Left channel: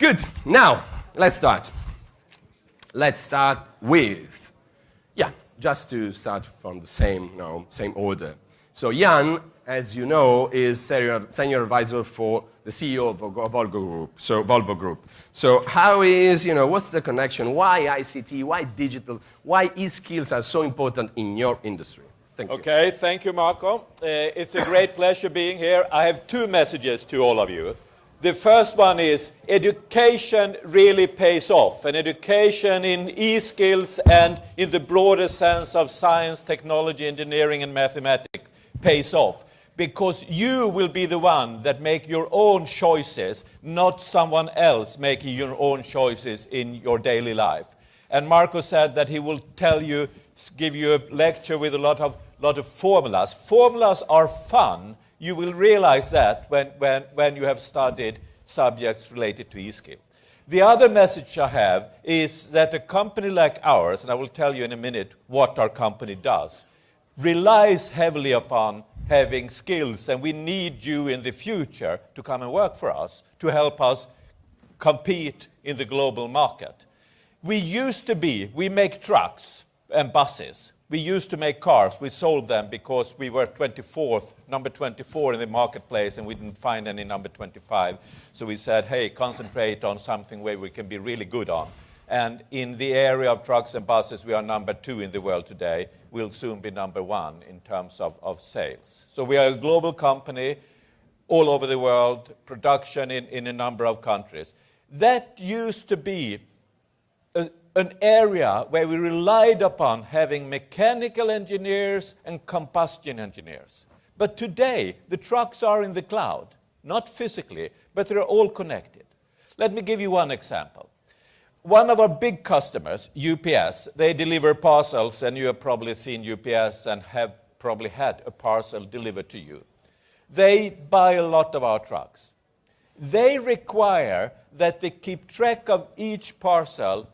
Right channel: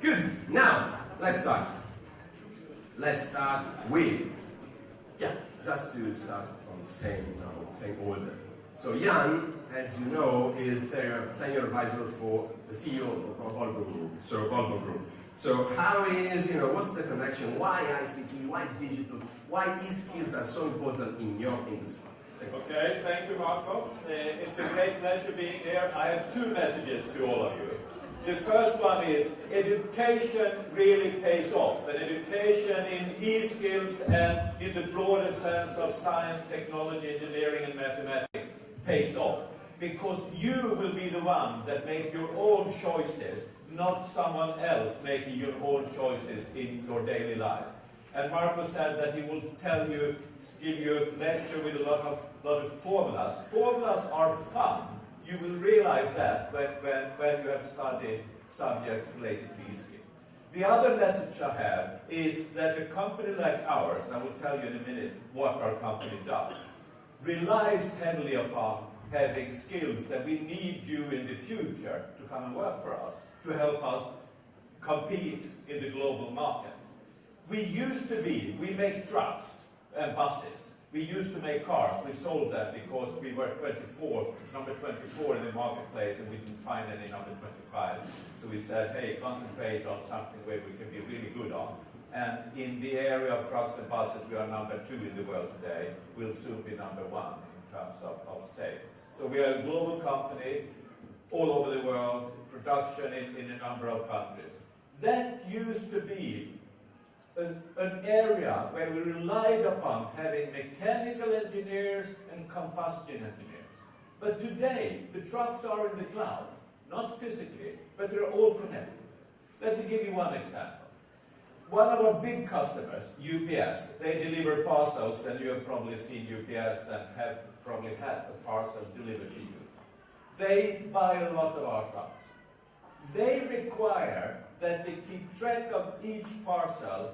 Good. Now, let's start. Let's start with, just to start from the same order. So Jan, as you know, is senior advisor for the CEO of Volvo Group. So how is, what's the connection? Why ICT? Why digital? Why e-skills are so important in your industry? Thank you. Okay, thank you, Marco. It's a great pleasure being here. I have two messages to all of you. The first one is education really pays off, and education in e-skills and in the broader sense of science, technology, engineering, and mathematics pays off, because you will be the one that make your own choices, not someone else making your own choices in your daily life. And Marco said that he will give you a lecture with a lot of formulas. Formulas are fun. You will realize that when you have studied subjects related to e-skill. The other message I have is that a company like ours, and I will tell you in a minute what our company does, relies heavily upon having skills, and we need you in the future to come and work for us, to help us compete in the global market. We make trucks and buses. We used to make cars. We sold them because we were number 24 in the marketplace, and we didn't find any number 25. So we said, hey, concentrate on something where we can be really good on. And in the area of trucks and buses, we are number 2 in the world today. We'll soon be number 1 in terms of sales. So we are a global company all over the world, production in a number of countries. That used to be an area where we relied upon having mechanical engineers and combustion engineers. But today, the trucks are in the cloud, not physically, but they're all connected. Let me give you one example. One of our big customers, UPS, they deliver parcels, and you have probably seen UPS and have probably had a parcel delivered to you. They buy a lot of our trucks. They require that they keep track of each parcel,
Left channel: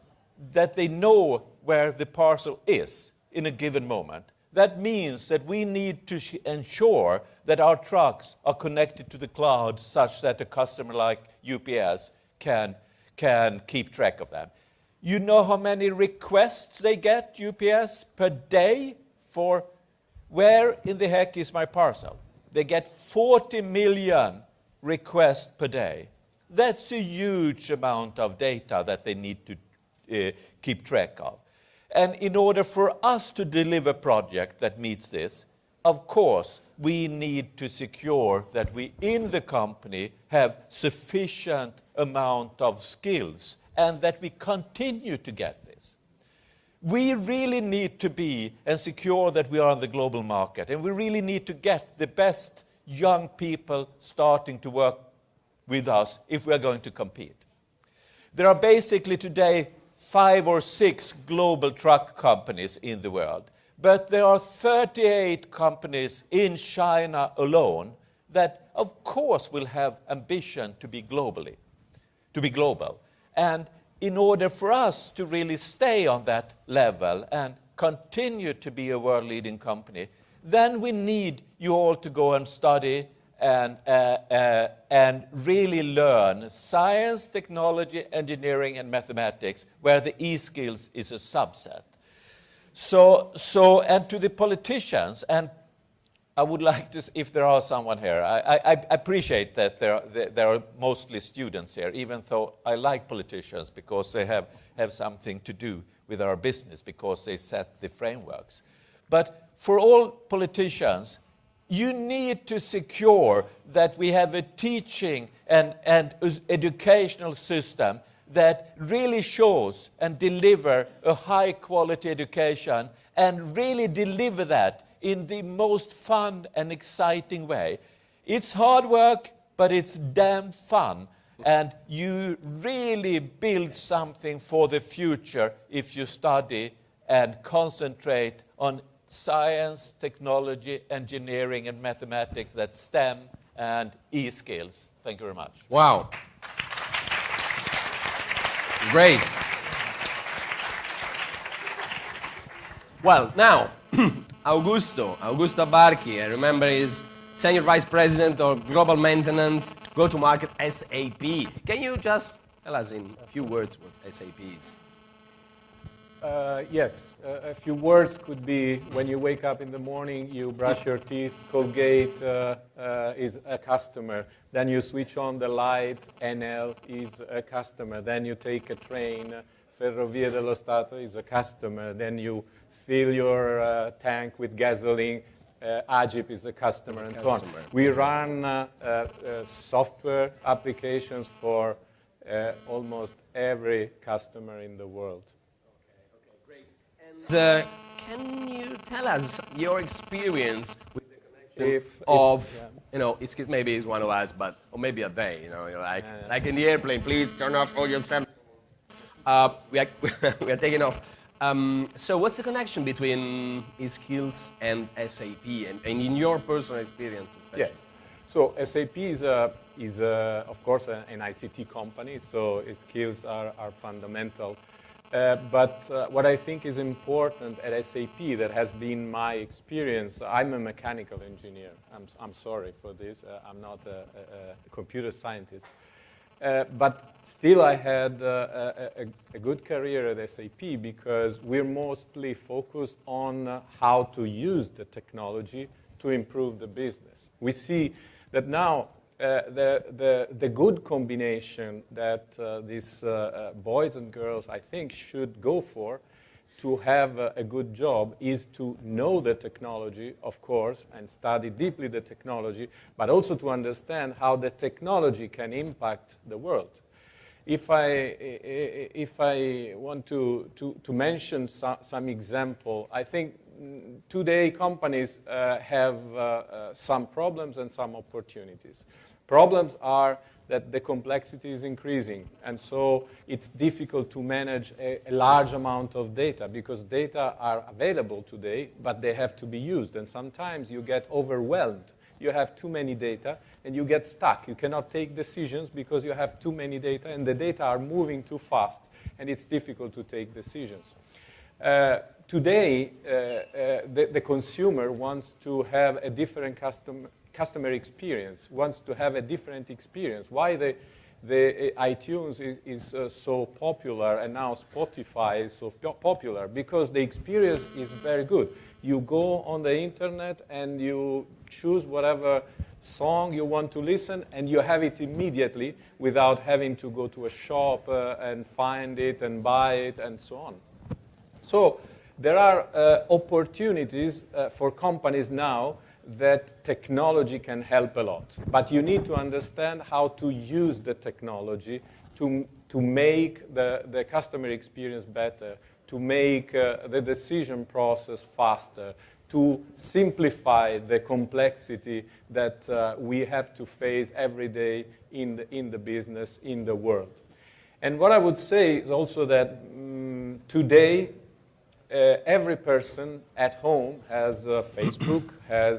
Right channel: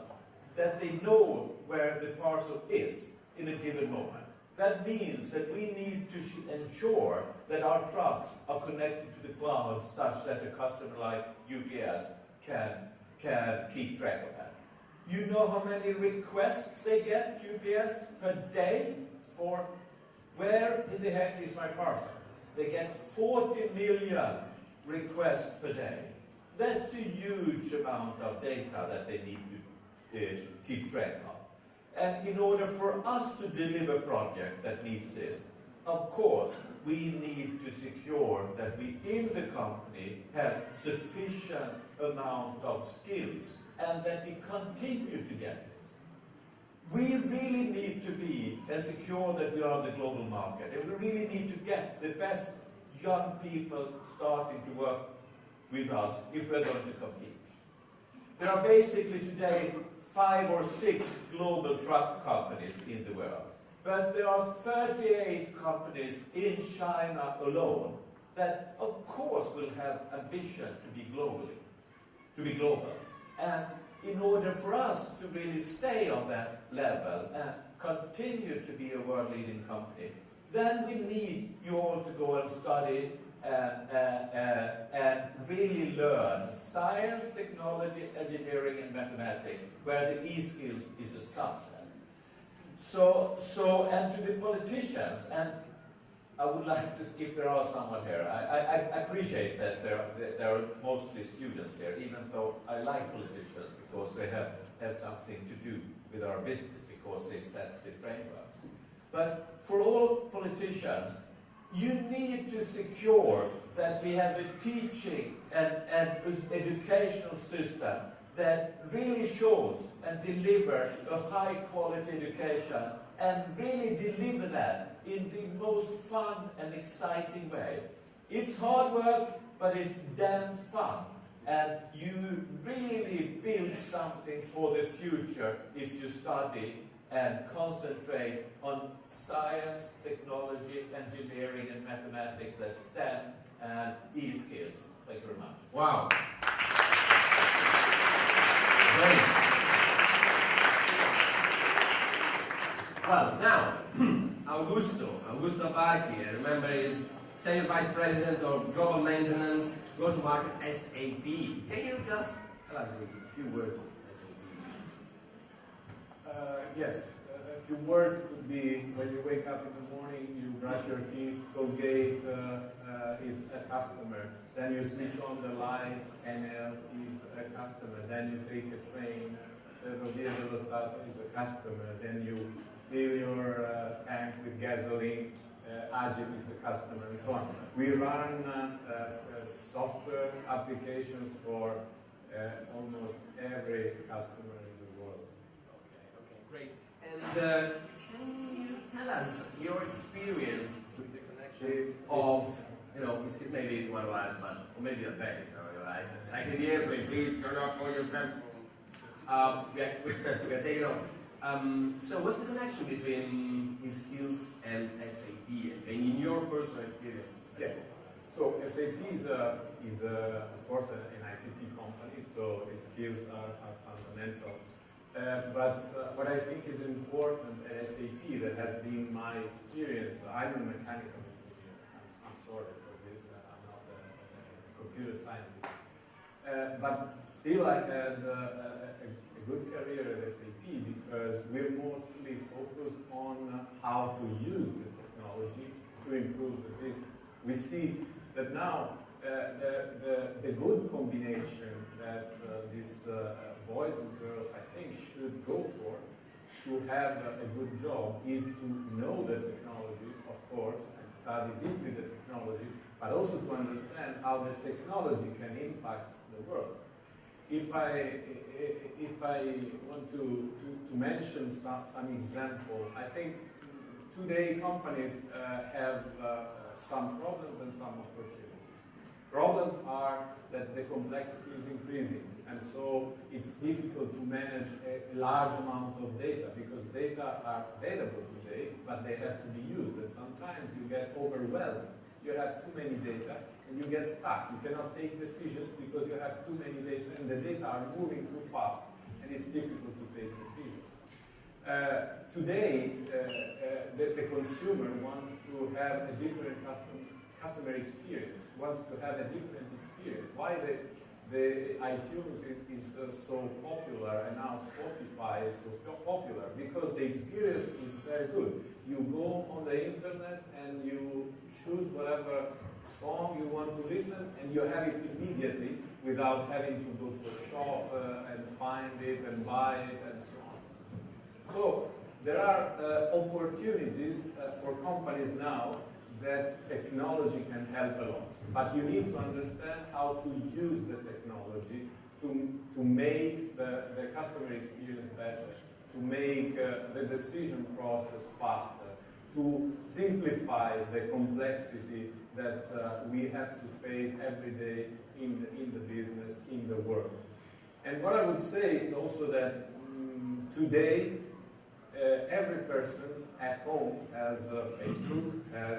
that they know where the parcel is in a given moment. That means that we need to ensure that our trucks are connected to the cloud such that a customer like UPS can keep track of them. You know how many requests they get, UPS, per day for where in the heck is my parcel? They get 40 million requests per day. That's a huge amount of data that they need to keep track of. And in order for us to deliver a project that meets this, of course, we need to secure that we in the company have sufficient amount of skills and that we continue to get this. We really need to be and secure that we are on the global market, and we really need to get the best young people starting to work with us if we are going to compete. There are basically today 5 or 6 global truck companies in the world, but there are 38 companies in China alone that of course will have ambition to be global. And in order for us to really stay on that level and continue to be a world-leading company, then we need you all to go and study and really learn science, technology, engineering, and mathematics, where the e-skills is a subset. So, and to the politicians, and I would like to, if there are someone here, I appreciate that there are mostly students here, even though I like politicians because they have something to do with our business, because they set the frameworks. But for all politicians, you need to secure that we have a teaching and educational system that really shows and deliver a high quality education, and really deliver that in the most fun and exciting way. It's hard work, but it's damn fun. And you really build something for the future if you study and concentrate on science, technology, engineering, and mathematics, that's STEM and e-skills. Thank you very much. Wow. Great. Well, now, Augusto Abbarchi, I remember, is Senior Vice President of Global Maintenance, Go-to-Market SAP. Can you just Tell us in a few words what SAP is. Yes, a few words could be when you wake up in the morning, you brush your teeth, Colgate is a customer. Then you switch on the light, NL is a customer. Then you take a train, Ferrovie dello Stato is a customer. Then you fill your tank with gasoline, Agip is a customer, and so on. We run software applications for almost every customer in the world. And can you tell us your experience with you know, maybe it's one of us, but or maybe a they, you know, you're like in the airplane, please turn off all your cell. We are taking off. So what's the connection between skills and SAP, and in your personal experience, especially? Yes. So SAP is of course, an ICT company, so skills are fundamental. But what I think is important at SAP that has been my experience, I'm a mechanical engineer. I'm sorry for this. I'm not a computer scientist. But still I had a good career at SAP because we're mostly focused on how to use the technology to improve the business. We see that now the good combination that these boys and girls, I think, should go for to have a good job is to know the technology, of course, and study deeply the technology, but also to understand how the technology can impact the world. If I want to mention some example, I think today companies have some problems and some opportunities. Problems are that the complexity is increasing, and so it's difficult to manage a large amount of data because data are available today, but they have to be used, and sometimes you get overwhelmed. You have too many data, and you get stuck. You cannot take decisions because you have too many data, and the data are moving too fast, and it's difficult to take decisions. Today, the consumer wants to have a different customer experience, wants to have a different experience. Why the iTunes is so popular and now Spotify is so popular? Because the experience is very good. You go on the internet and you choose whatever song you want to listen and you have it immediately without having to go to a shop and find it and buy it and so on. So there are opportunities for companies now that technology can help a lot. But you need to understand how to use the technology to make the customer experience better, to make the decision process faster, to simplify the complexity that we have to face every day in the business, in the world. And what I would say is also that today, every person at home has Facebook, has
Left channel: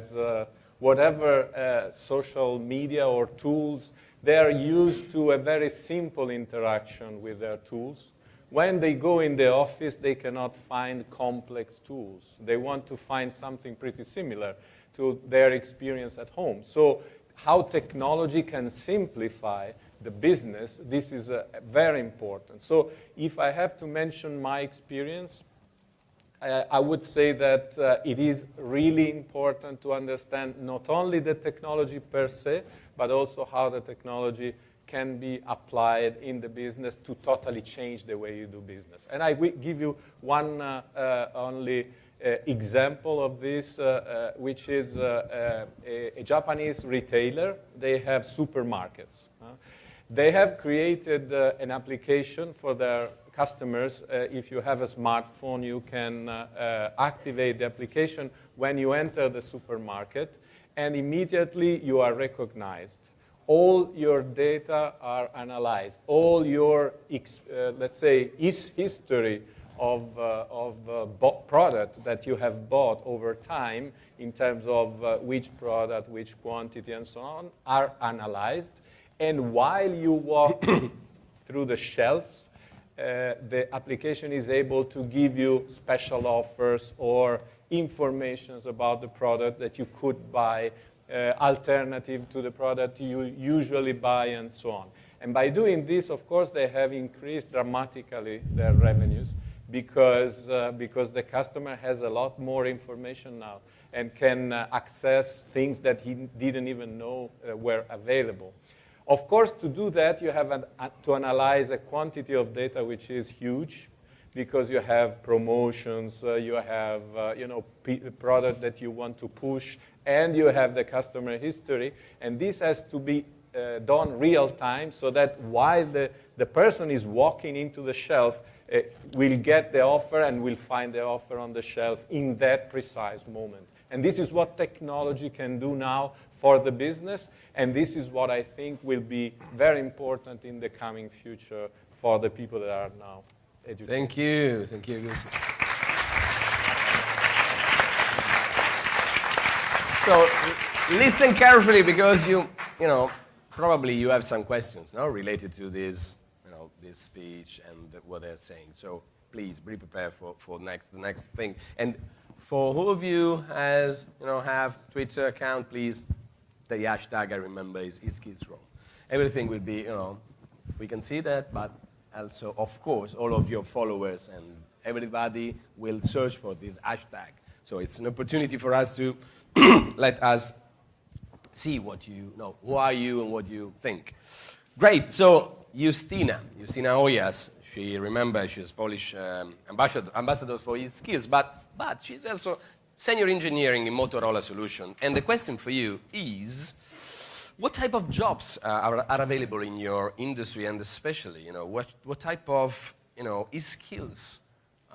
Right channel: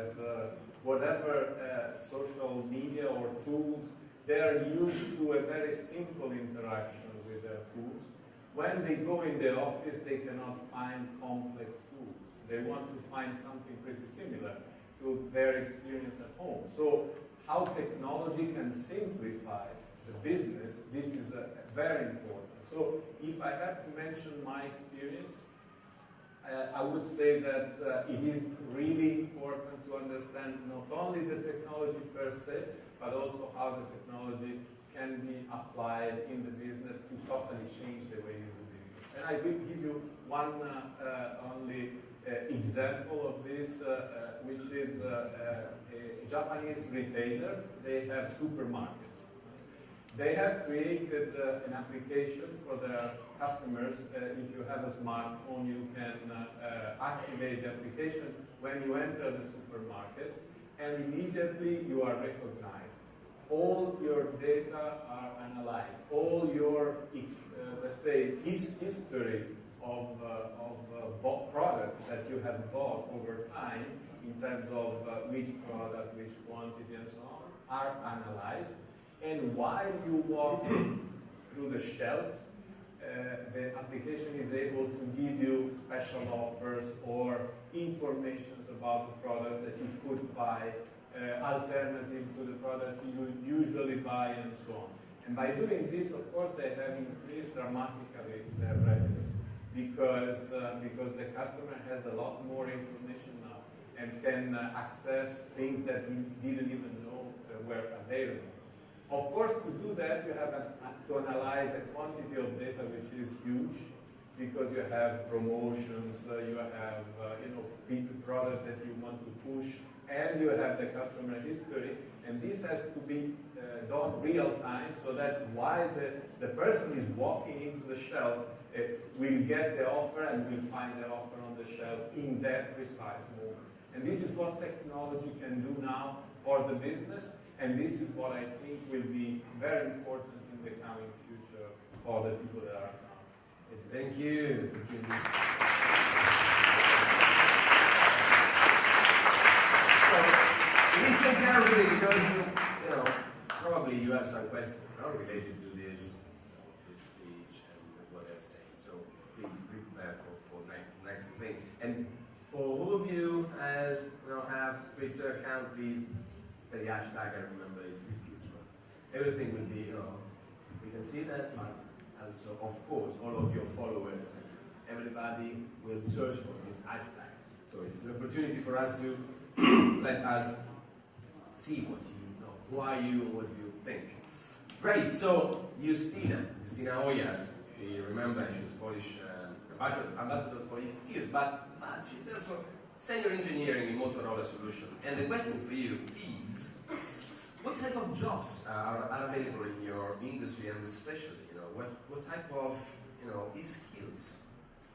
whatever social media or tools. They are used to a very simple interaction with their tools. When they go in the office, they cannot find complex tools. They want to find something pretty similar to their experience at home. So how technology can simplify the business, this is very important. So if I have to mention my experience, I would say that it is really important to understand not only the technology per se, but also how the technology can be applied in the business to totally change the way you do business. And I will give you one only example of this, which is a Japanese retailer. They have supermarkets. They have created an application for their customers. If you have a smartphone, you can activate the application when you enter the supermarket, and immediately you are recognized. All your data are analyzed. All your, let's say, history of product that you have bought over time in terms of which product, which quantity, and so on, are analyzed. And while you walk through the shelves, the application is able to give you special offers or informations about the product that you could buy, alternative to the product you usually buy, and so on. And by doing this, of course, they have increased dramatically their revenues because the customer has a lot more information now and can access things that he didn't even know were available. Of course, to do that, you have to analyze a quantity of data which is huge, because you have promotions, you have product that you want to push, and you have the customer history, and this has to be done real time, so that while the person is walking into the shelf, will get the offer and will find the offer on the shelf in that precise moment. And this is what technology can do now for the business, and this is what I think will be very important in the coming future for the people that are now educated. Thank you, Augusto. So listen carefully, because you probably you have some questions, no, related to this, this speech and what they're saying. So please be prepared for the next thing. And for who of you has have Twitter account, please, the hashtag, I remember, is #KidsRoom. Everything will be, we can see that, but also, of course, all of your followers and everybody will search for this hashtag. So it's an opportunity for us to let us see what you know, who are you and what you think. Great, so Justyna Ojas, she's Polish ambassador for e-skills, but she's also senior engineering in Motorola Solution. And the question for you is, what type of jobs are available in your industry, and especially, what type of, e-skills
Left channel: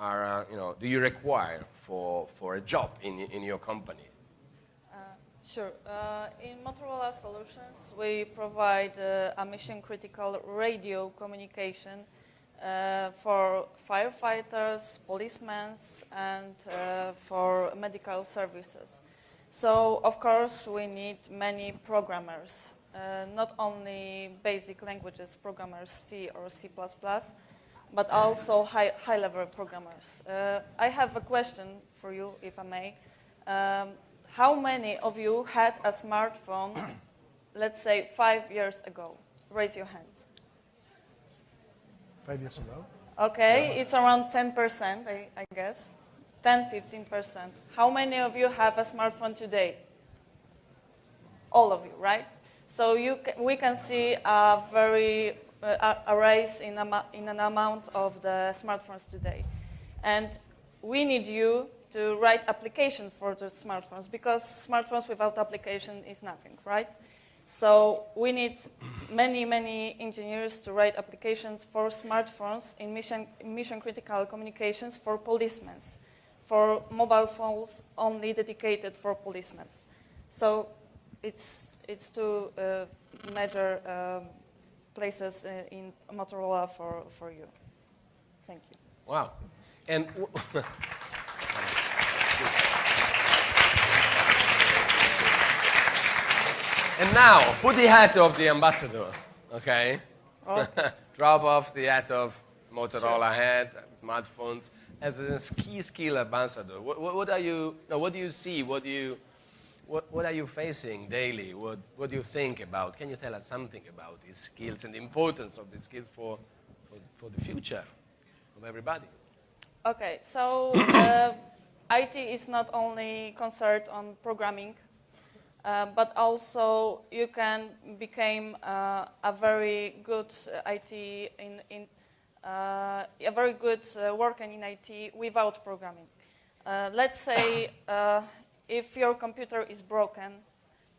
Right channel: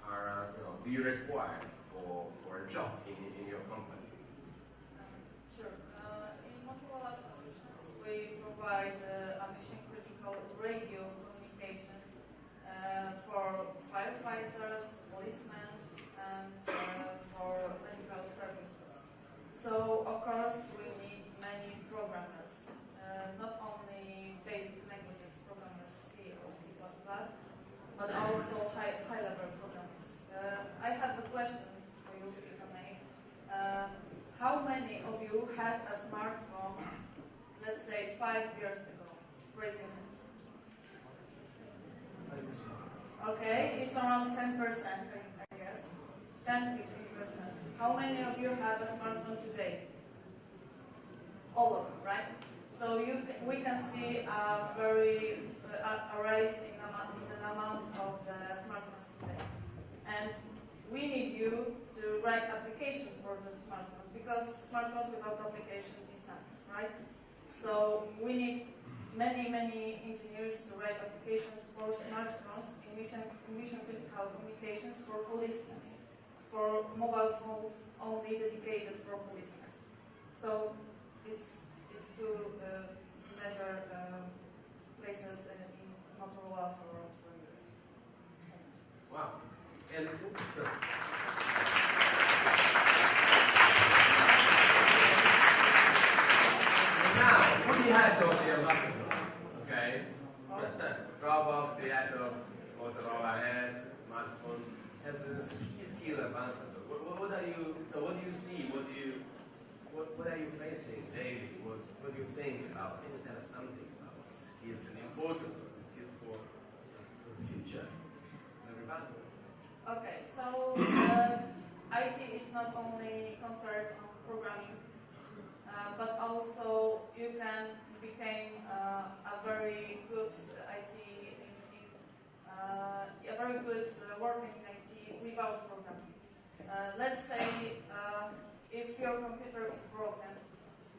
are, do you require for a job in your company? Sure. In Motorola Solutions, we provide a mission-critical radio communication for firefighters, policemen, and for medical services. So, of course, we need many programmers, not only basic languages programmers, C or C++, but also high-level programmers. I have a question for you, if I may. How many of you had a smartphone, let's say, 5 years ago? Raise your hands. 5 years ago? Okay, it's around 10%, I guess. 10-15%. How many of you have a smartphone today? All of you, right? So we can see a very a rise in an amount of the smartphones today, and we need you to write application for the smartphones, because smartphones without application is nothing, right? So we need many engineers to write applications for smartphones in mission-critical communications for policemen, for mobile phones only dedicated for policemen. So it's two major places in Motorola for you. Thank you. Wow. And now, put the hat of the ambassador, okay? Oh. Drop off the hat of Motorola hat, smartphones. As a key skill ambassador, what are you? What do you see? What are you facing daily? What do you think about? Can you tell us something about these skills and the importance of these skills for the future of everybody? Okay, so IT is not only concerned on programming, but also you can become a very good IT a very good worker in IT without programming. Let's say if your computer is broken,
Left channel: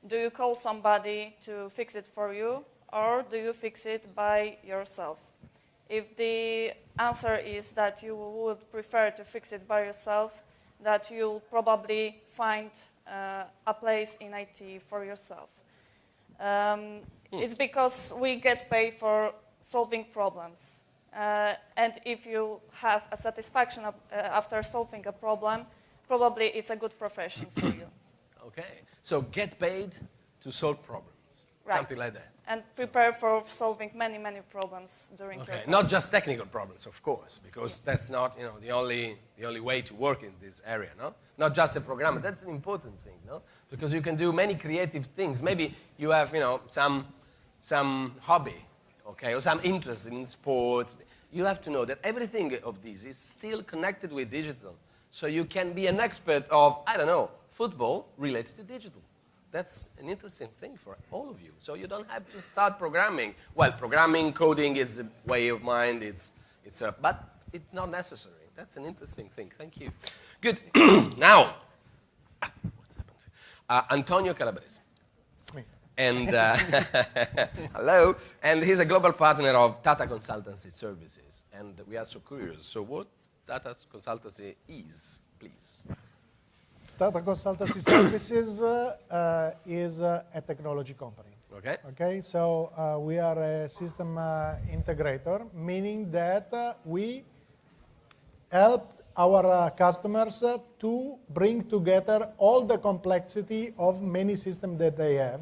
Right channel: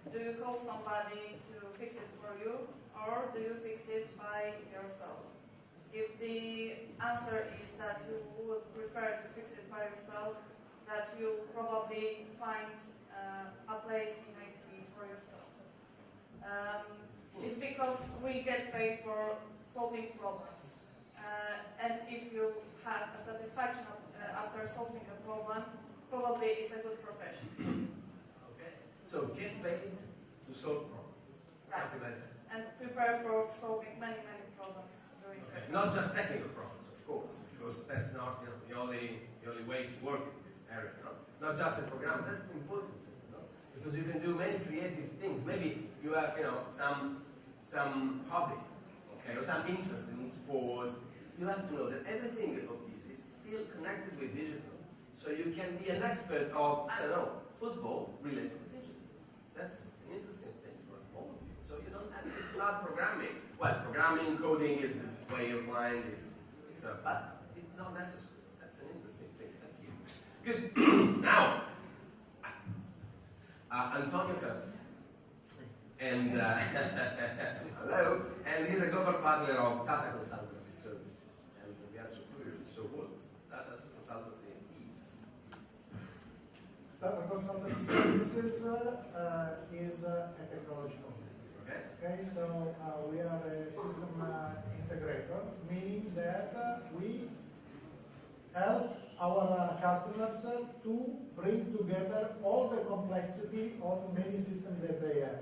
do you call somebody to fix it for you, or do you fix it by yourself? If the answer is that you would prefer to fix it by yourself, that you'll probably find a place in IT for yourself. It's because we get paid for solving problems. And if you have a satisfaction after solving a problem, probably it's a good profession for you. Okay, so get paid to solve problems, Right. Something like that. And prepare for solving many problems during your Okay, career. not just technical problems, of course, because that's not the only way to work in this area. No, not just a programmer. That's an important thing, no, because you can do many creative things. Maybe you have some hobby. okay, or some interest in sports, you have to know that everything of this is still connected with digital. So you can be an expert of, I don't know, football related to digital. That's an interesting thing for all of you. So you don't have to start programming. Well, programming, coding, it's a way of mind, but it's not necessary. That's an interesting thing. Thank you. Good. Now, Antonio Calabrese. And hello. And he's a global partner of Tata Consultancy Services. And we are so curious. So what Tata Consultancy is, please? Tata Consultancy Services is a technology company. Okay. Okay, so we are a system integrator, meaning that we help our customers to bring together all the complexity of many systems that they have.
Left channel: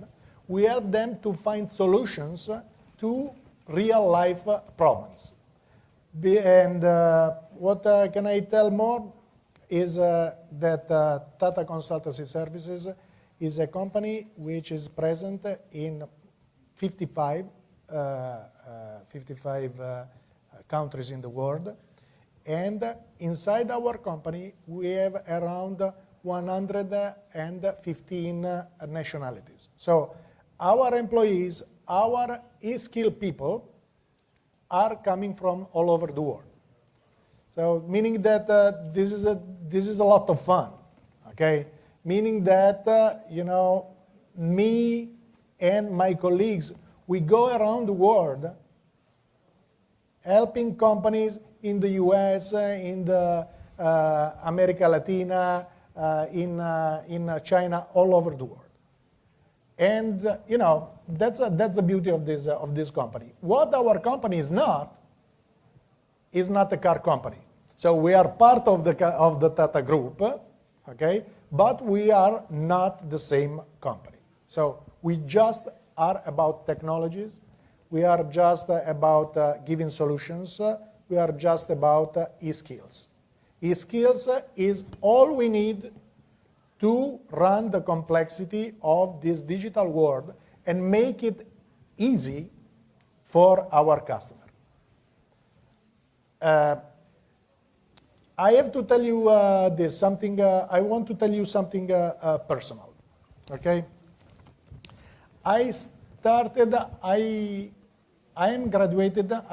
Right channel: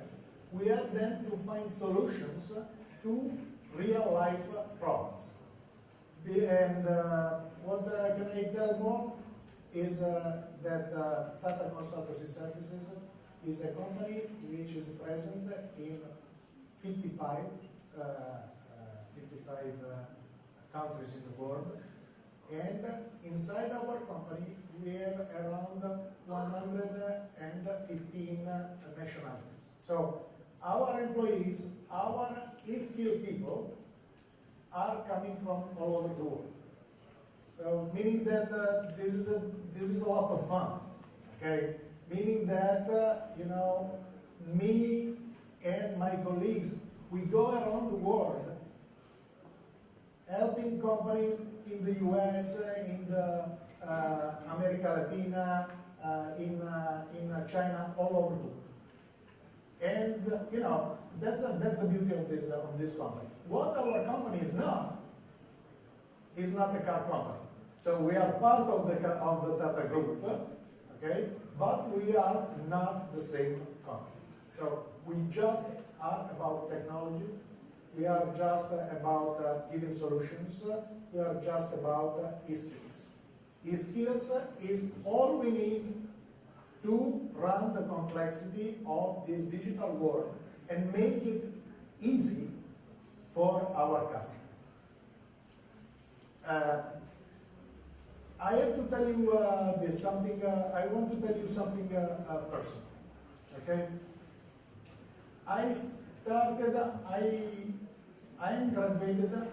We help them to find solutions to real-life problems. And what can I tell more is that Tata Consultancy Services is a company which is present in 55 countries in the world. And inside our company, we have around 115 nationalities. So our employees, our skilled people are coming from all over the world. So meaning that this is a lot of fun, okay? Meaning that, me and my colleagues, we go around the world helping companies in the US, in the America Latina, in China, all over the world. And that's the beauty of this company. What our company is not a car company. So we are part of the Tata Group, okay? But we are not the same company. So we just are about technologies. We are just about giving solutions. We are just about e-skills. E-skills is all we need to run the complexity of this digital world and make it easy for our customer. I have to tell you I want to tell you something personal, okay? I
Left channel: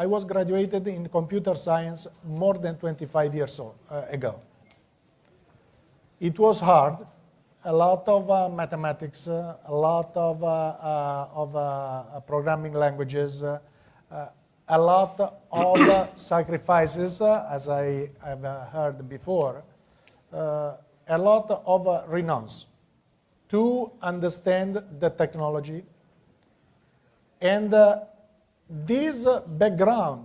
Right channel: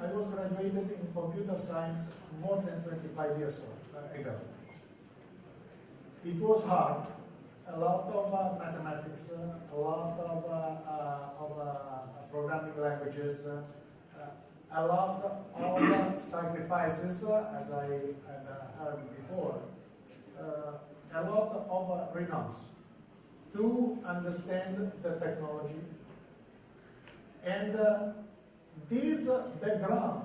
was graduated in computer science more than 25 years ago. It was hard, a lot of mathematics, a lot of programming languages, a lot of sacrifices, as I have heard before, a lot of renounce to understand the technology. And this background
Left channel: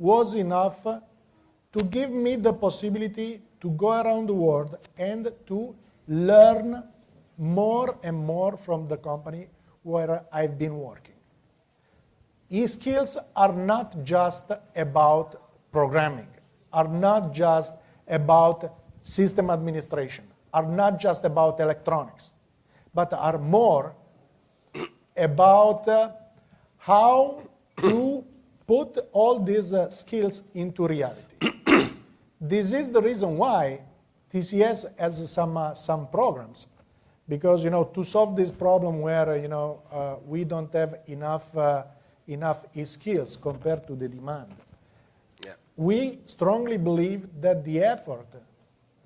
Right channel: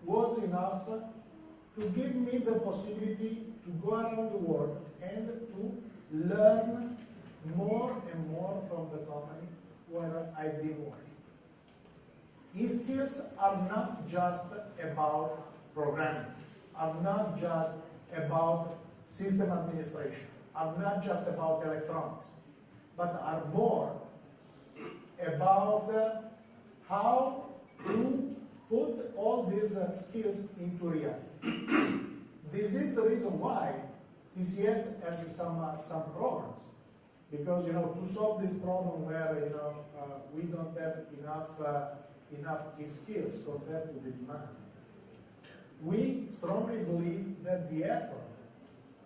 was enough to give me the possibility to go around the world and to learn more and more from the company where I've been working. E-skills are not just about programming, are not just about system administration, are not just about electronics, but are more about how to put all these skills into reality. This is the reason why TCS has some programs, because to solve this problem where we don't have enough skills compared to the demand. Yeah. We strongly believe that the effort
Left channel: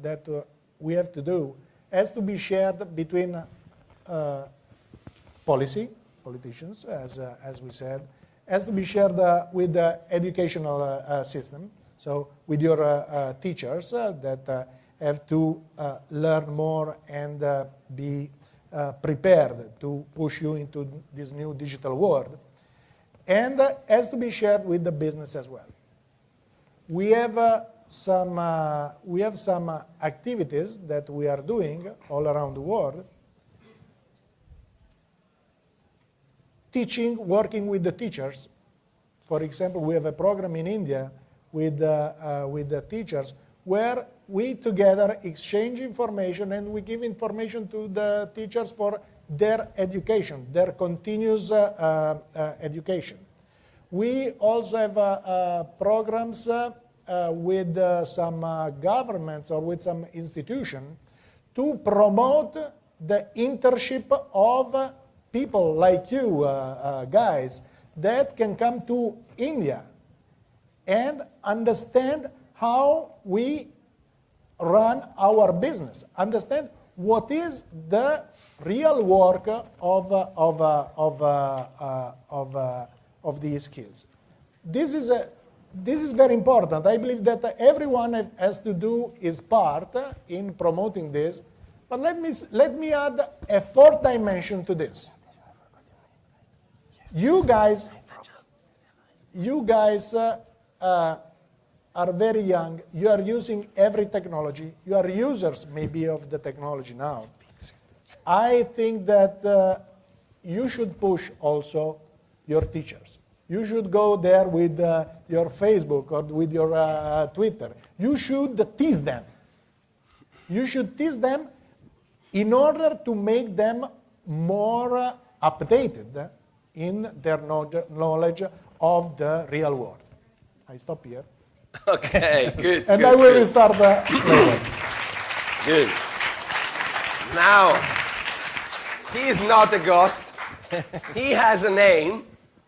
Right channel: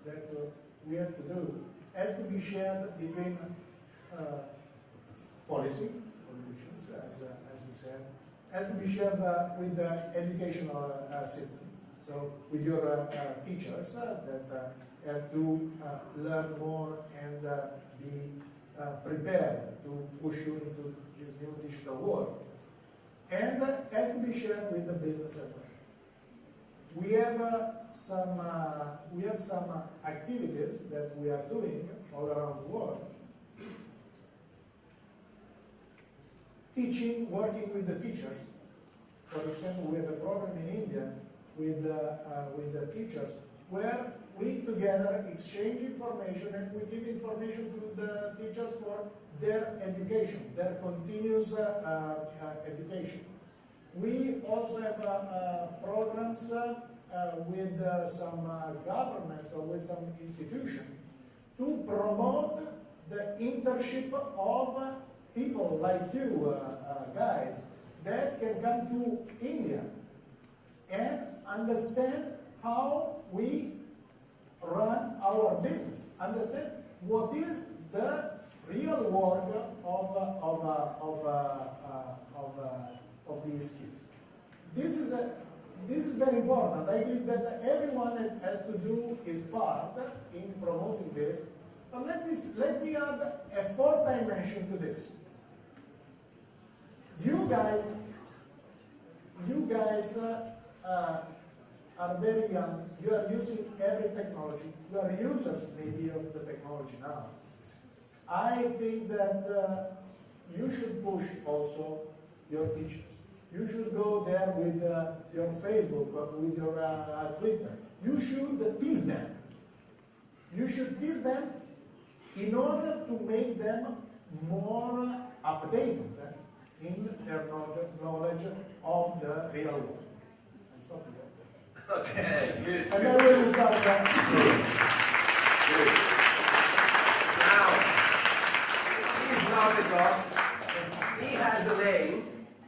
that we have to do has to be shared between politicians, as we said, has to be shared with the educational system, so with your teachers that have to learn more and be prepared to push you into this new digital world, and has to be shared with the business as well. We have some activities that we are doing all around the world, working with the teachers. For example, we have a program in India with the teachers where we together exchange information and we give information to the teachers for their education, their continuous education. We also have programs with some governments or with some institution to promote the internship of people like you guys that can come to India and understand how we run our business, understand what is the real work of these kids. This is very important. I believe that everyone has to do his part in promoting this. But let me add a fourth dimension to this. You guys are very young. You are using every technology. You are users maybe of the technology now. I think that you should push also your teachers. You should go there with your Facebook or with your Twitter. You should tease them. You should tease them in order to make them more updated in their knowledge of the real world. I stop here. Okay, good. And good, I will good. start later. Good. Now, he is not a ghost. He has a name.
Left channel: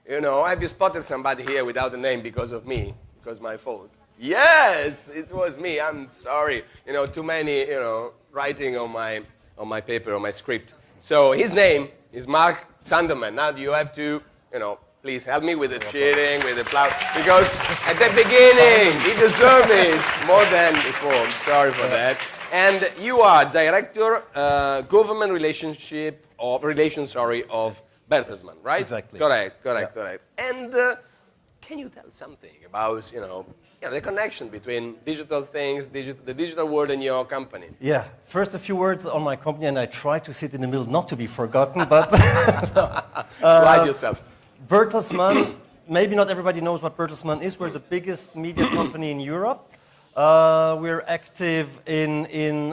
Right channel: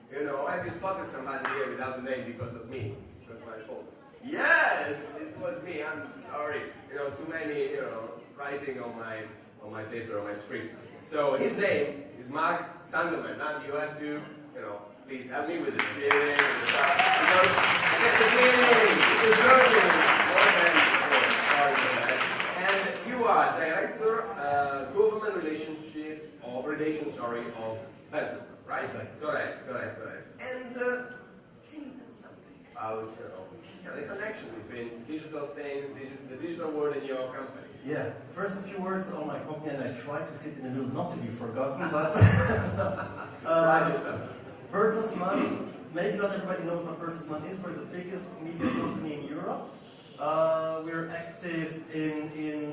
You know, have you spotted somebody here without a name because of me? Because my fault. Yes, it was me. I'm sorry. You know, too many, writing on my paper, on my script. So his name is Marc Sundermann. Now you have to, please help me with the cheering, with the applause, because at the beginning he deserved it more than before. Sorry for that. And you are director, government relations of Bertelsmann, right? Exactly. Correct. And can you tell something about, the connection between digital things, the digital world and your company? Yeah, first a few words on my company, and I try to sit in the middle, not to be forgotten, but Try yourself. Bertelsmann, maybe not everybody knows what Bertelsmann is. We're the biggest media company in Europe. We're active in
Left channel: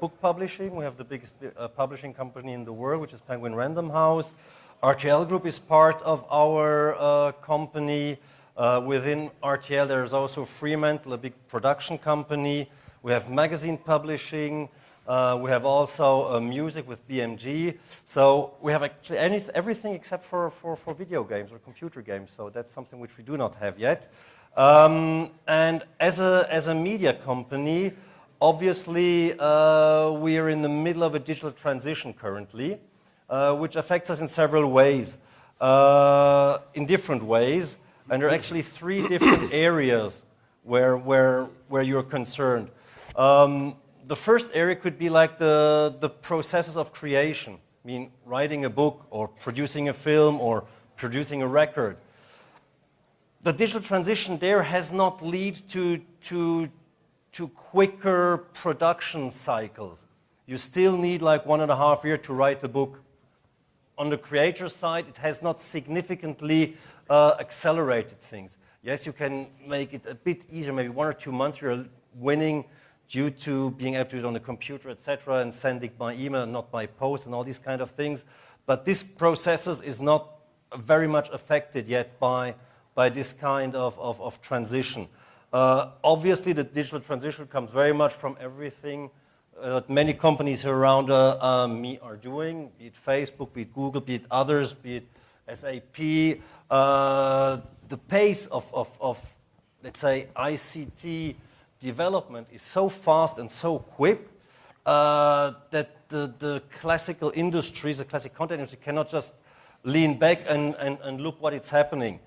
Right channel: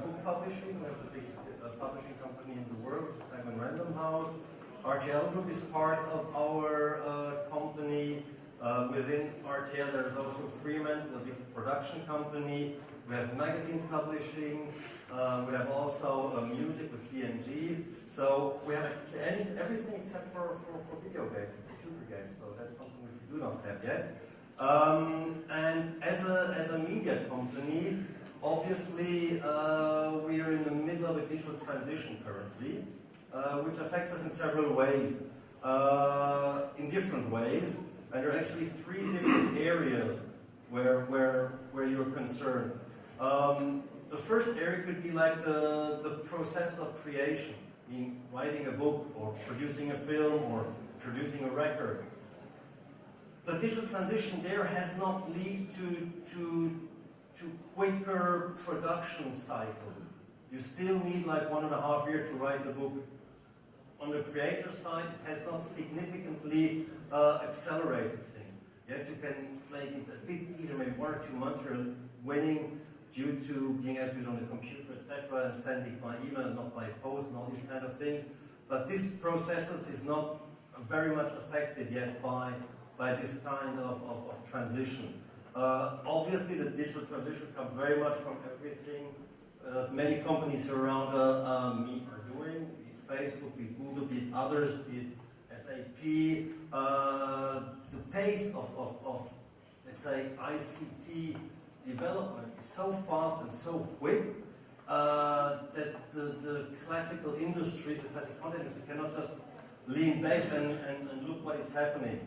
book publishing. We have the biggest publishing company in the world, which is Penguin Random House. RTL Group is part of our company. Within RTL, there's also Fremantle, a big production company. We have magazine publishing. We have also music with BMG. So we have actually everything except for video games or computer games. So that's something which we do not have yet. And as a media company, obviously we are in the middle of a digital transition currently, which affects us in several ways, in different ways. And there are actually three different areas where you're concerned. The first area could be like the processes of creation. I mean, writing a book or producing a film or producing a record. The digital transition there has not led to quicker production cycles. You still need like 1.5 years to write a book. On the creator side, it has not significantly accelerated things. Yes, you can make it a bit easier, maybe 1 or 2 months you're winning due to being able to do it on the computer, etc., and sending by email and not by post and all these kind of things. But this processes is not very much affected yet by this kind of transition. Obviously, the digital transition comes very much from everything that many companies around me are doing, be it Facebook, be it Google, be it others, be it SAP. The pace of let's say, ICT development is so fast and so quick that the classical industries, the classic content industry cannot just lean back and look what is happening.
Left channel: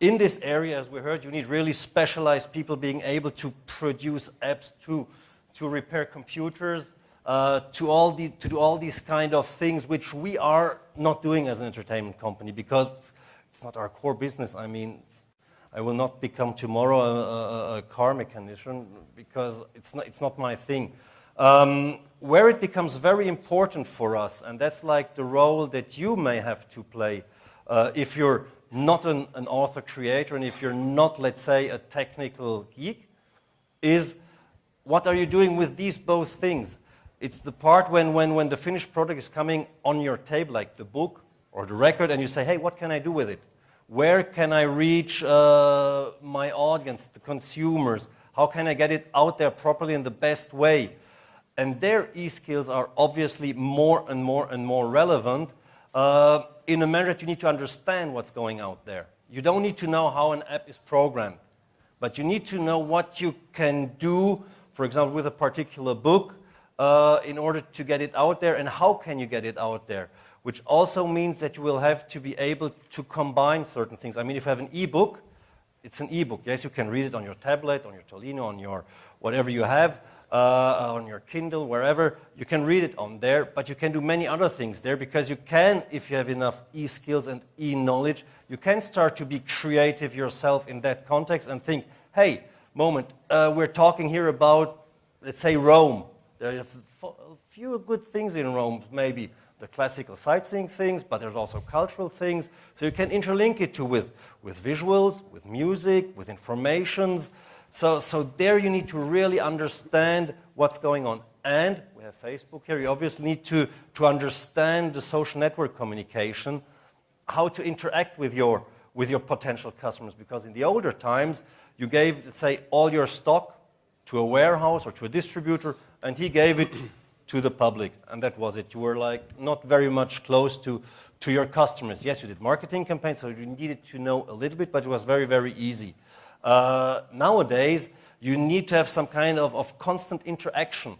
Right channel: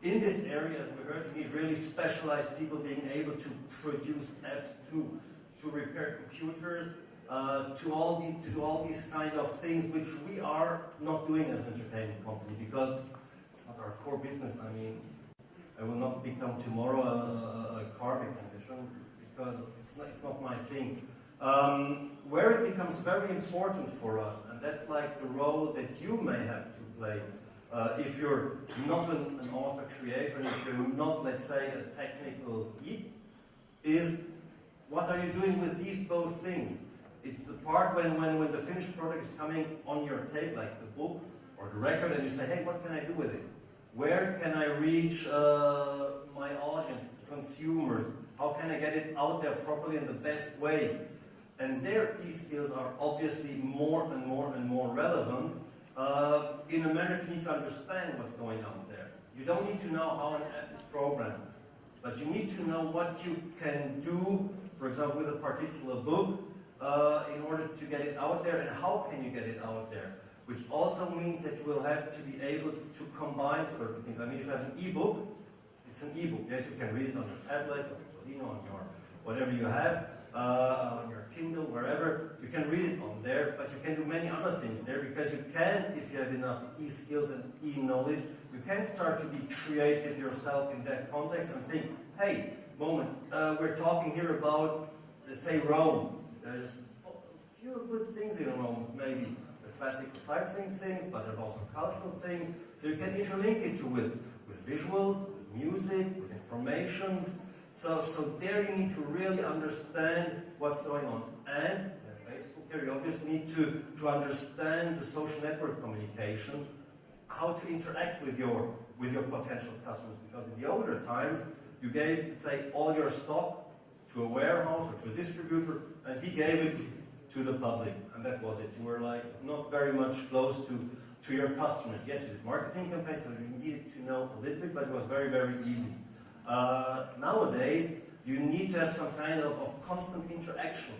In this area, as we heard, you need really specialized people being able to produce apps to repair computers, to do all these kind of things which we are not doing as an entertainment company because it's not our core business. I mean, I will not become tomorrow a car mechanician because it's not my thing. Where it becomes very important for us, and that's like the role that you may have to play if you're not an author creator and if you're not, let's say, a technical geek, is what are you doing with these both things? It's the part when the finished product is coming on your table, like the book or the record, and you say, hey, what can I do with it? Where can I reach my audience, the consumers? How can I get it out there properly in the best way? And their e-skills are obviously more and more and more relevant in a manner that you need to understand what's going out there. You don't need to know how an app is programmed, but you need to know what you can do, for example, with a particular book, in order to get it out there, and how can you get it out there, which also means that you will have to be able to combine certain things. I mean, if you have an e-book, it's an e-book. Yes, you can read it on your tablet, on your Tolino, on your whatever you have, on your Kindle, wherever. You can read it on there, but you can do many other things there, because you can, if you have enough e-skills and e-knowledge, you can start to be creative yourself in that context and think, hey, moment, we're talking here about, let's say, Rome. There are a few good things in Rome, maybe the classical sightseeing things, but there's also cultural things. So you can interlink it with visuals, with music, with informations. So there you need to really understand what's going on. And we have Facebook here. You obviously need to understand the social network communication, how to interact with your potential customers. Because in the older times, you gave, let's say, all your stock to a warehouse or to a distributor, and he gave it to the public, and that was it. You were like not very much close to your customers. Yes, you did marketing campaigns, so you needed to know a little bit, but it was very, very easy. Nowadays, you need to have some kind of constant interaction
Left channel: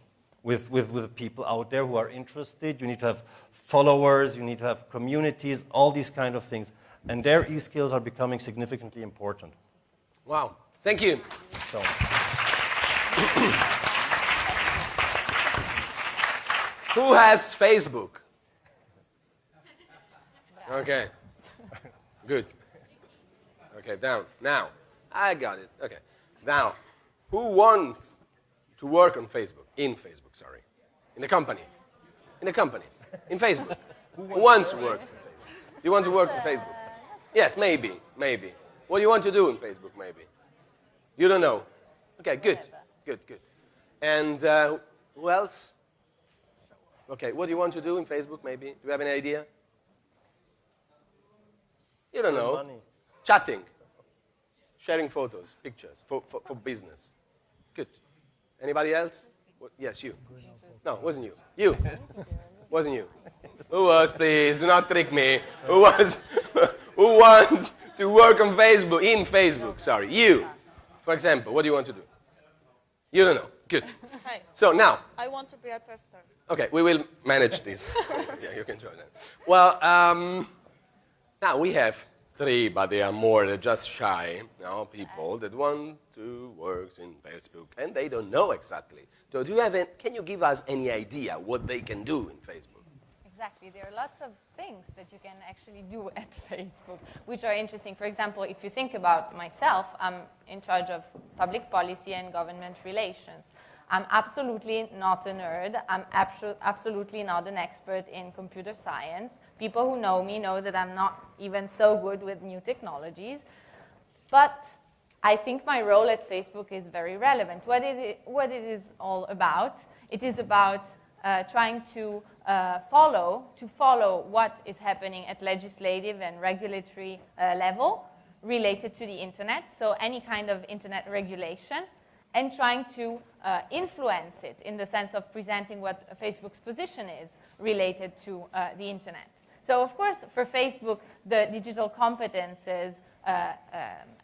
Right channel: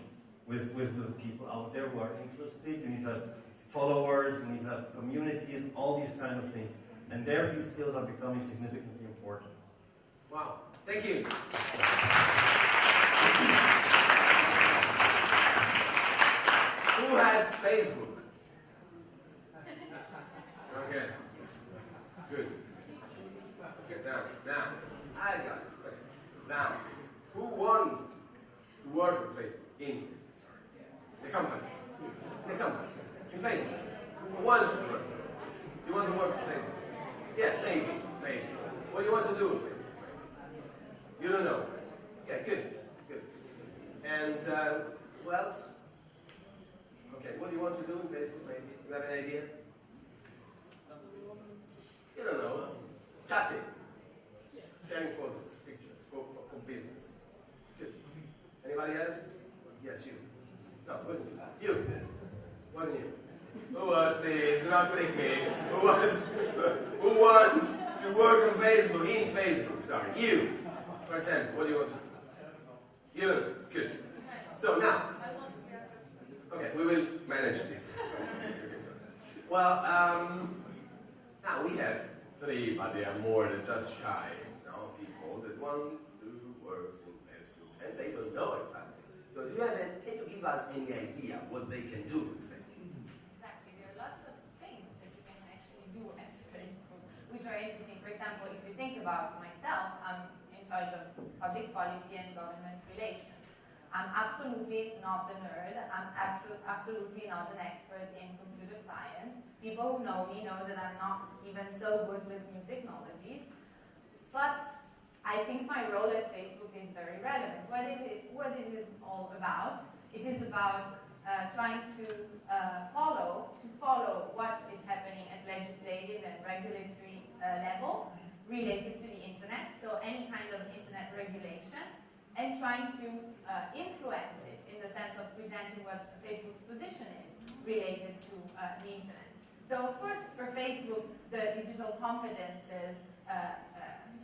with people out there who are interested. You need to have followers, you need to have communities, all these kind of things. And their e-skills are becoming significantly important. Wow, thank you. Who has Facebook? Okay, good. Okay, down. Now, I got it. Okay, now, who wants to work on Facebook? In Facebook, sorry. In the company. In the company. In Facebook. Who wants to work? You want to work on Facebook? Yes, maybe. What do you want to do on Facebook, maybe? You don't know. Okay, good. And who else? Okay, what do you want to do in Facebook, maybe? Do you have any idea? You don't know. Chatting. Sharing photos, pictures, for business. Good. Anybody else? Yes, you. No, it wasn't you. You. Wasn't you. Who was, please? Do not trick me. Who was? Who wants to work on Facebook, in Facebook? Sorry. You. For example, what do you want to do? You don't know. Good. Hi. So now. I want to be a tester. Okay, we will manage this. Okay, you can join us. Well, now we have 3, but they are more just shy, people that want to work in Facebook, and they don't know exactly. So can you give us any idea what they can do in Facebook? Exactly. There are lots of things that you can actually do at Facebook, which are interesting. For example, if you think about myself, I'm in charge of public policy and government relations. I'm absolutely not a nerd. I'm absolutely not an expert in computer science. People who know me know that I'm not even so good with new technologies. But I think my role at Facebook is very relevant. What it is all about, it is about trying to follow what is happening at legislative and regulatory level related to the internet, so any kind of internet regulation, and trying to influence it in the sense of presenting what Facebook's position is related to the internet. So of course, for Facebook, the digital competences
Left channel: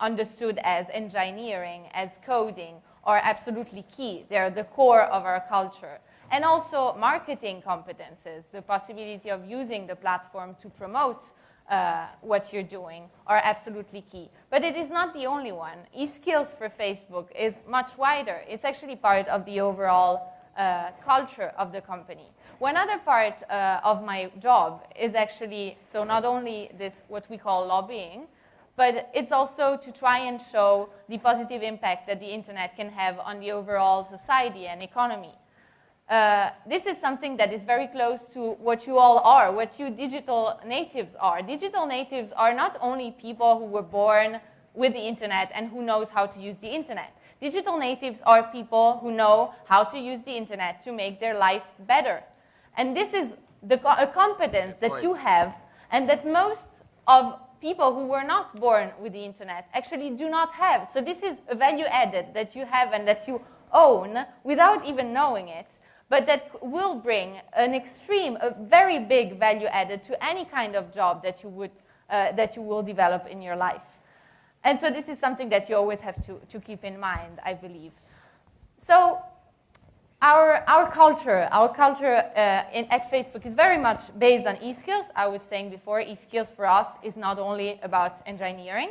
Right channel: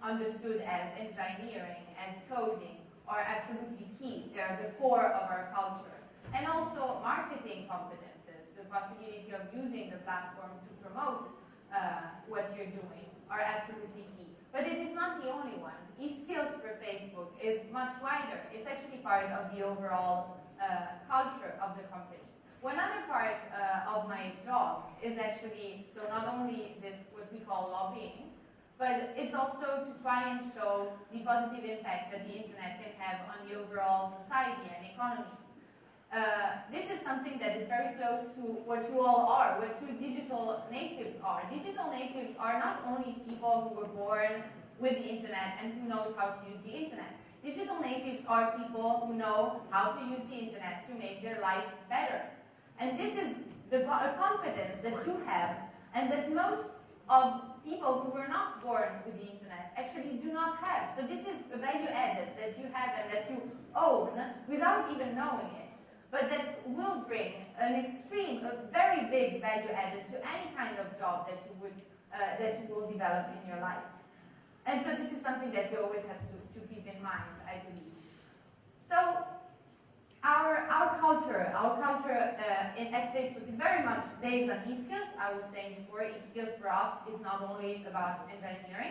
understood as engineering, as coding, are absolutely key. They're the core of our culture. And also marketing competences, the possibility of using the platform to promote what you're doing, are absolutely key. But it is not the only one. E-skills for Facebook is much wider. It's actually part of the overall culture of the company. One other part of my job is actually, so not only this, what we call lobbying, but it's also to try and show the positive impact that the internet can have on the overall society and economy. This is something that is very close to what you all are, what you digital natives are. Digital natives are not only people who were born with the internet and who knows how to use the internet. Digital natives are people who know how to use the internet to make their life better. And this is a competence that you have and that most of people who were not born with the internet actually do not have. So this is a value added that you have and that you own without even knowing it, but that will bring a very big value added to any kind of job that you will develop in your life. And so this is something that you always have to keep in mind, I believe. So our culture at Facebook is very much based on e-skills. I was saying before, e-skills for us is not only about engineering.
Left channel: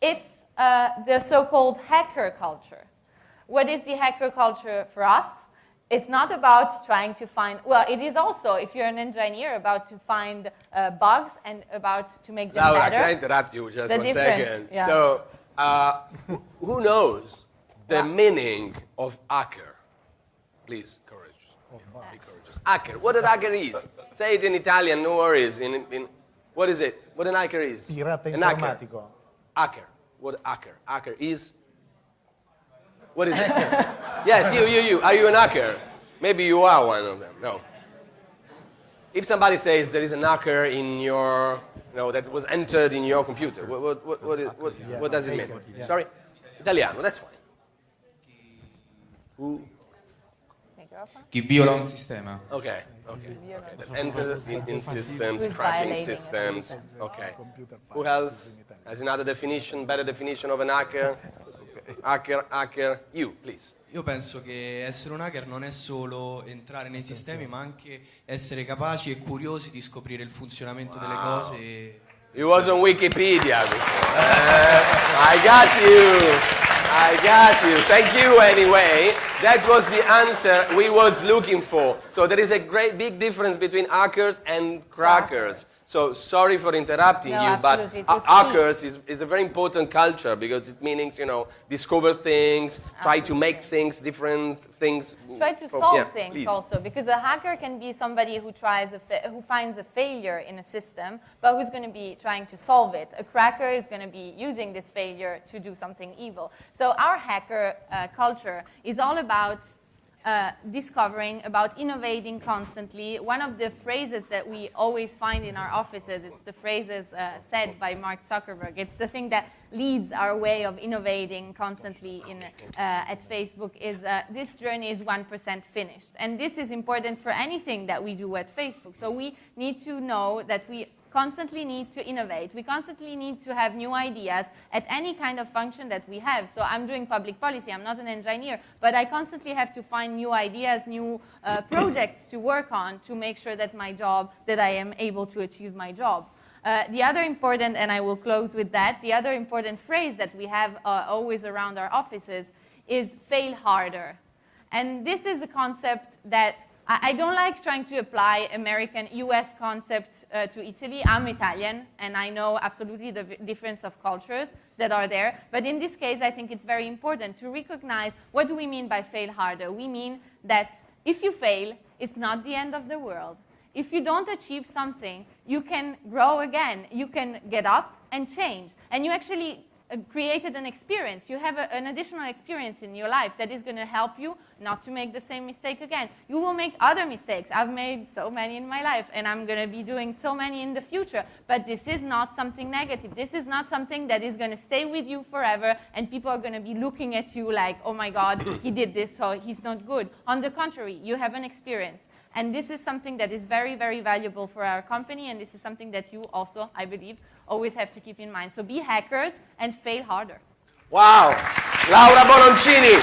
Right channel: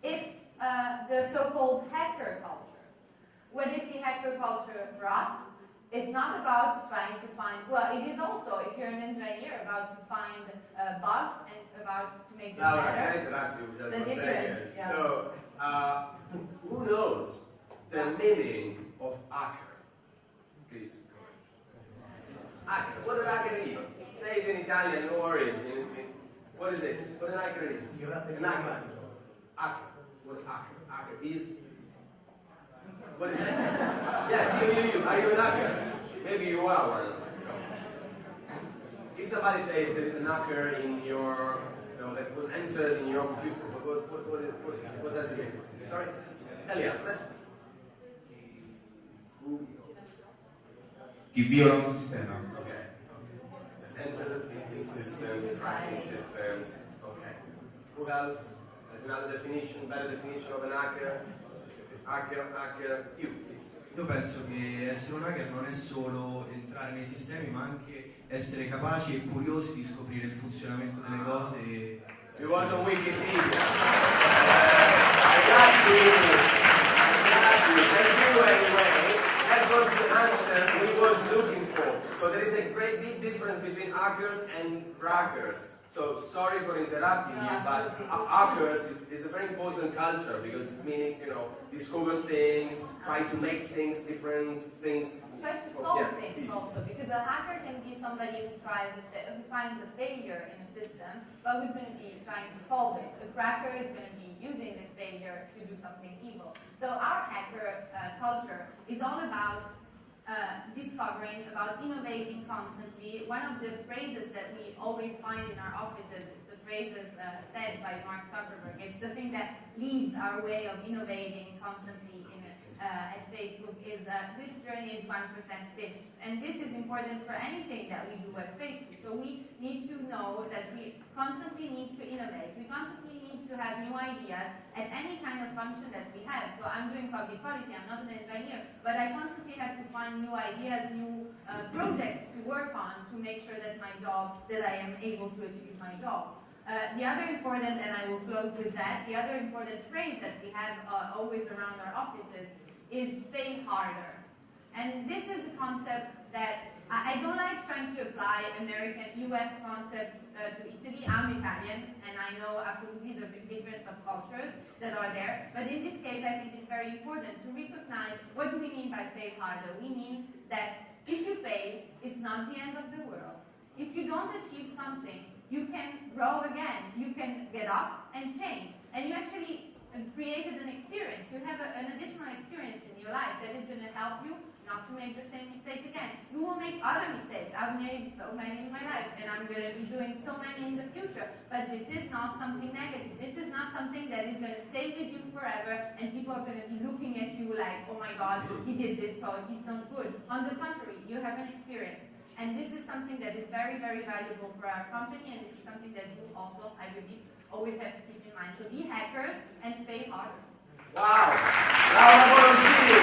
It's the so-called hacker culture. What is the hacker culture for us? It's not about trying to find, well, it is also, if you're an engineer, about to find bugs and about to make them Laura, better. can I interrupt you just one second? Yeah. So, who knows the meaning of hacker? Please, courage. Hacker. What a hacker is? Say it in Italian, no worries. What is it? What an hacker is? Pirata An hacker. informatico. Hacker. What a hacker? Hacker is? What is it? Yes, you. Are you an hacker? Maybe you are one of them. No. If somebody says there is an hacker in your, that was entered in your computer, what does it mean? Yeah. Sorry? Italiano, that's fine. Who? Chi viola un sistema. Okay. Enter in systems, Who's cracking violating systems. Okay. Who else has another definition, better definition of an hacker? Hacker, you, please. Io penso che essere un hacker non è solo entrare nei sistemi, ma anche essere capaci e curiosi di scoprire il funzionamento delle cose. It was on Wikipedia. I got you. Thank you anyway. That was the answer we was looking for. So there is a big difference between hackers and crackers. So sorry for interrupting you, but hackers is a very important culture because it means, discover things, try to make things, different things. Try to solve things also, because a hacker can be somebody who finds a failure in a system, but who's going to be trying to solve it. A cracker is going to be using this failure to do something evil. So our hacker culture is all about discovering, about innovating constantly. One of the phrases that we always find in our offices, it's the phrases said by Mark Zuckerberg. It's the thing that leads our way of innovating constantly at Facebook is this journey is 1% finished. And this is important for anything that we do at Facebook. So we need to know that we constantly need to innovate. We constantly need to have new ideas at any kind of function that we have. So I'm doing public policy, I'm not an engineer, but I constantly have to find new ideas, new projects to work on to make sure that I am able to achieve my job. The other important, and I will close with that, the other important phrase that we have always around our offices is fail harder. And this is a concept that I don't like trying to apply American, US concept to Italy. I'm Italian, and I know absolutely the difference of cultures that are there. But in this case, I think it's very important to recognize what do we mean by fail harder. We mean that if you fail, it's not the end of the world. If you don't achieve something, you can grow again. You can get up and change. And you actually created an experience. You have an additional experience in your life that is going to help you not to make the same mistake again. You will make other mistakes. I've made so many in my life, and I'm going to be doing so many in the future. But this is not something negative. This is not something that is going to stay with you forever, and people are going to be looking at you like, oh my God, he did this, so he's not good. On the contrary, you have an experience. And this is something that is very, very valuable for our company, and this is something that you also, I believe, always have to keep in mind. So be hackers and fail harder. Wow! Laura Bononcini!